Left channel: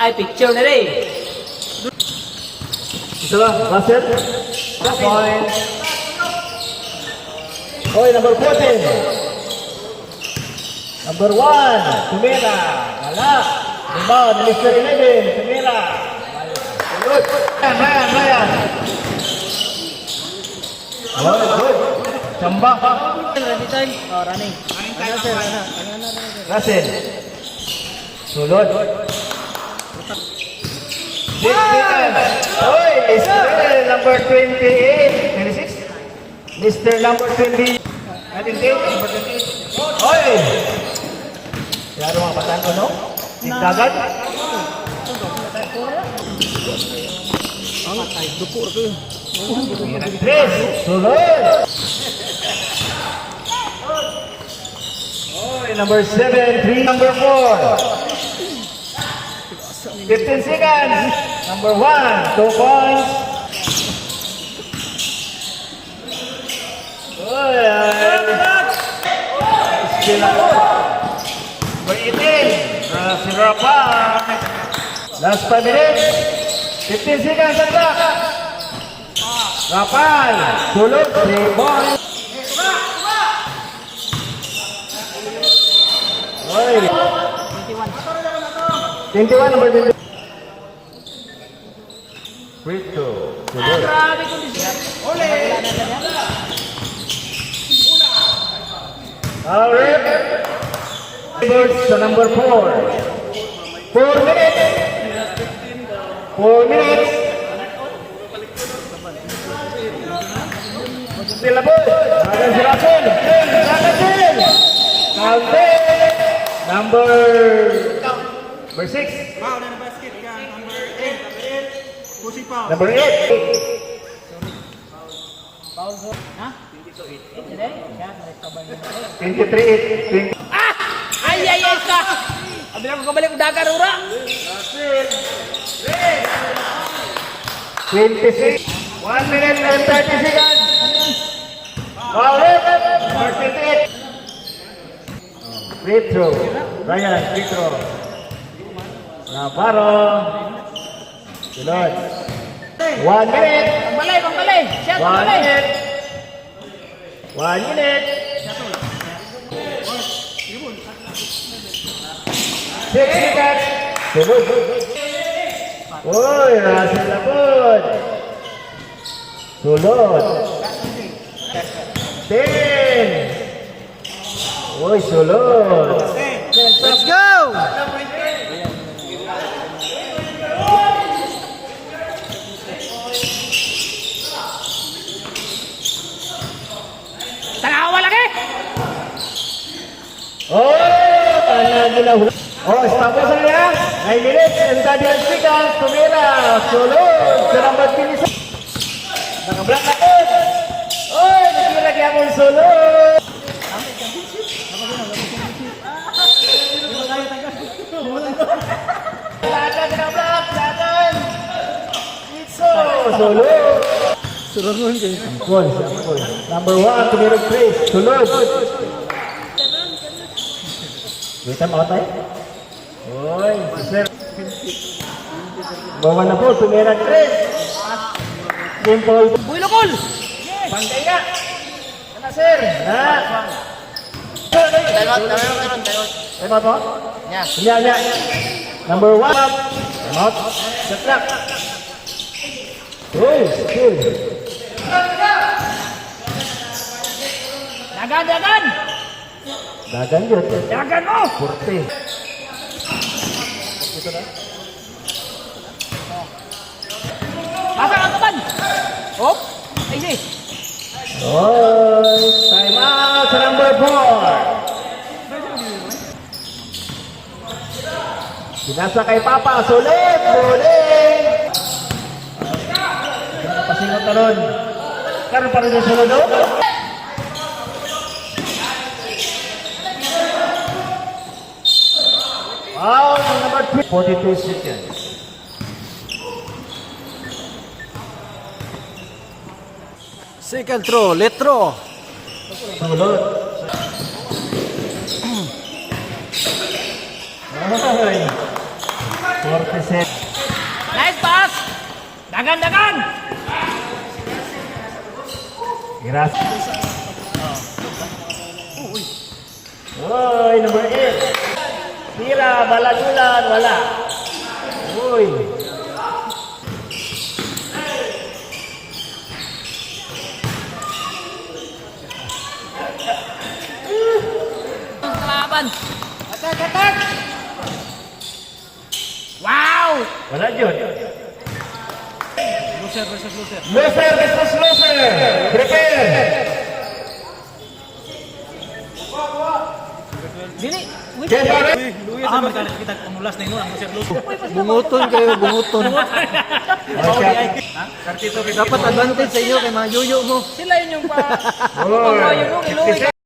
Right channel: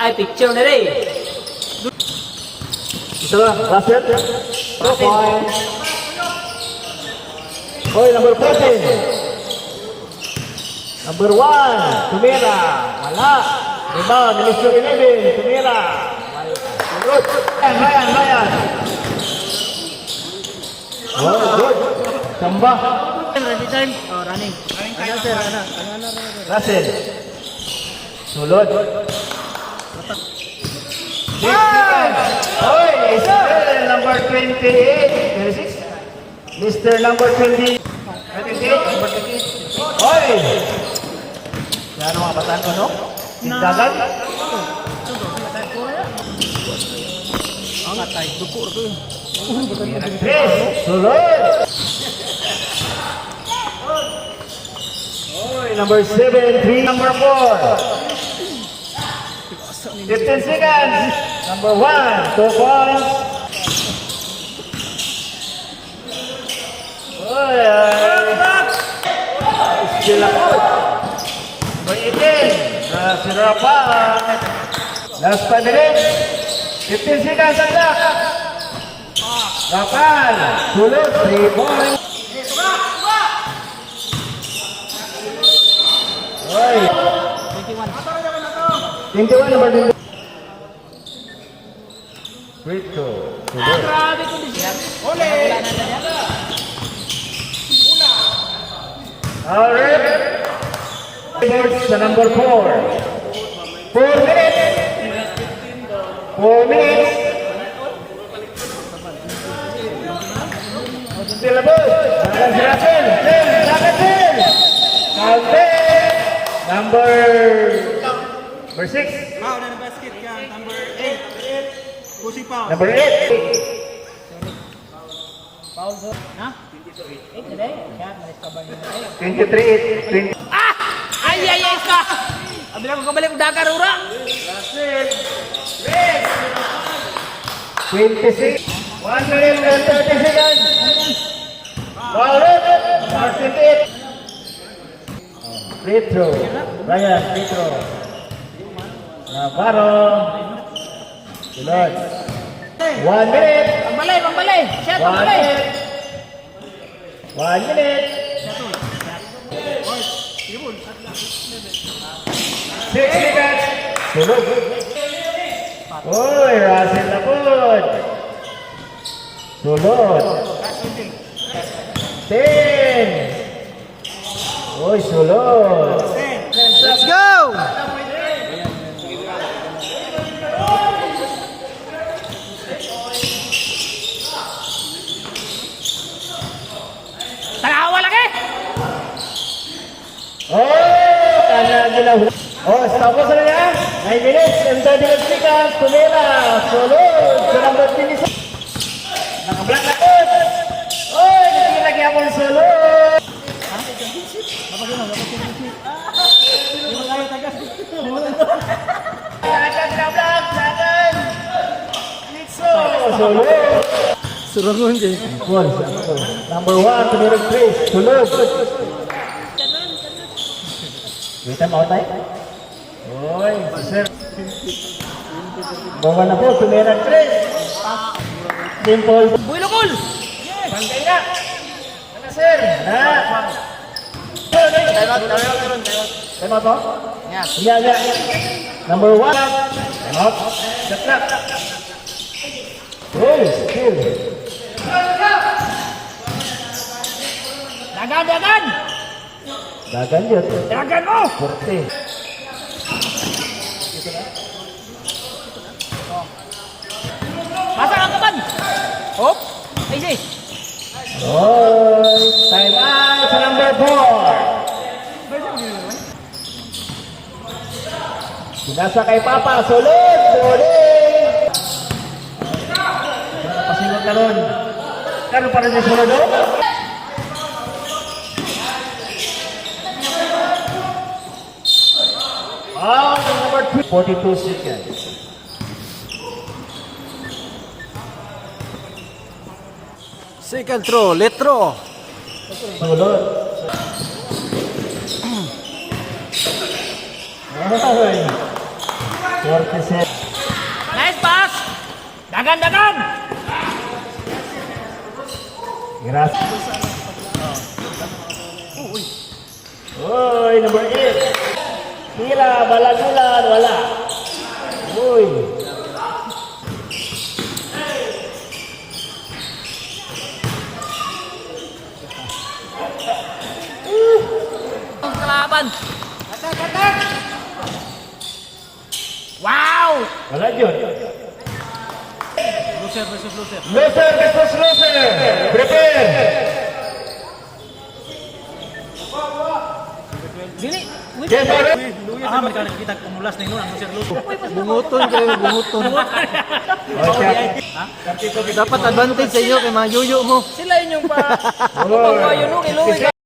Ay, picture na rin. Ito lang, last set. 2 points. Hoy, number 14. Number 1, Tumira. Wala. Rebound, Mr. 11, Tumira. Good. Mayan. Oh, good. Samba. Every time. Oh, running. Ano, sir? Russell. Sulod. 6 seconds. Hoy, Mr. number 28. 26. Mr. number 20. 26. Hoy! Yaro ang katan ko, no? Tigdagan? Ang atay, dupo ko. Sulod! Hoy, number 7, 3, number 4. 15 seconds. Number 1, 2 points. Hoy, number 18, si Rapal. Last 5 minutes. 15 seconds ang clock. Rapal, sulod, 3 points. Hoy. 21 number 20. Free throw. Sulod. Alright. Birds sa number 4. 4 minutes. 4 minutes. Silabos. Akan si Russell. Russell. Number 6. Number 8. Ha? 23. Ay, ka! Abila ko kabalik dagar, ura! 26. 1 minute and 30 seconds. Alright. Number 28. Free throw. Ryan, free throw. Navarro. Sulod. 1 minute. Pambalay! Siya, 1 pambalay! minute. 1 minute. 6 seconds. Sulod. Uy, Russell Lapod. Sulod. 10. Uy, sulod. Let's go! Tanawa lagi! Oh, tapos na niya. 9 minutes and 30 seconds. Tumira. Sulod. Sa number 26. Nakablock na ko. Oy, gusto lagi akong sulod. Lakan na block. Lakan. Sulod. Surangon dyan. Number 1, Tumira 3. Sulod. Wait time out tayo. Oy, sir. Bawa na po, Tumira 3. Simple. Builokol! Bangkay na. Ano, sir? Na. Time out po? Yeah. Number 1. Time out. Shot clock. Uy, skill. Dagan! Dagan yun. Dagan mo! Porte. Dagan ang kaban! Hop! Easy! Oy, time out sa number 4. Sinasa kay Papa, sulod! Napasingot na ron. Karoon pa rin yung sulod, oh? Number 3. 42 seconds. Second throw, letro. Sulod. Ay. 47. Nice pass! Dagan, dagan! Gracias. Uy, number 8. Tira, balagulan, wala. Uy. Kalaban! Wow! Wala yun. Loser versus loser. Loser versus loser. Prepare. Dili! Wait! Yes, Alex. Ah, magkakalit kita kumulas na yun, ang loser. Bumuton kayo, bumuton. Dapat advantage sa inyo kay mga yuyo mo. Sila yun yung pa... Oh.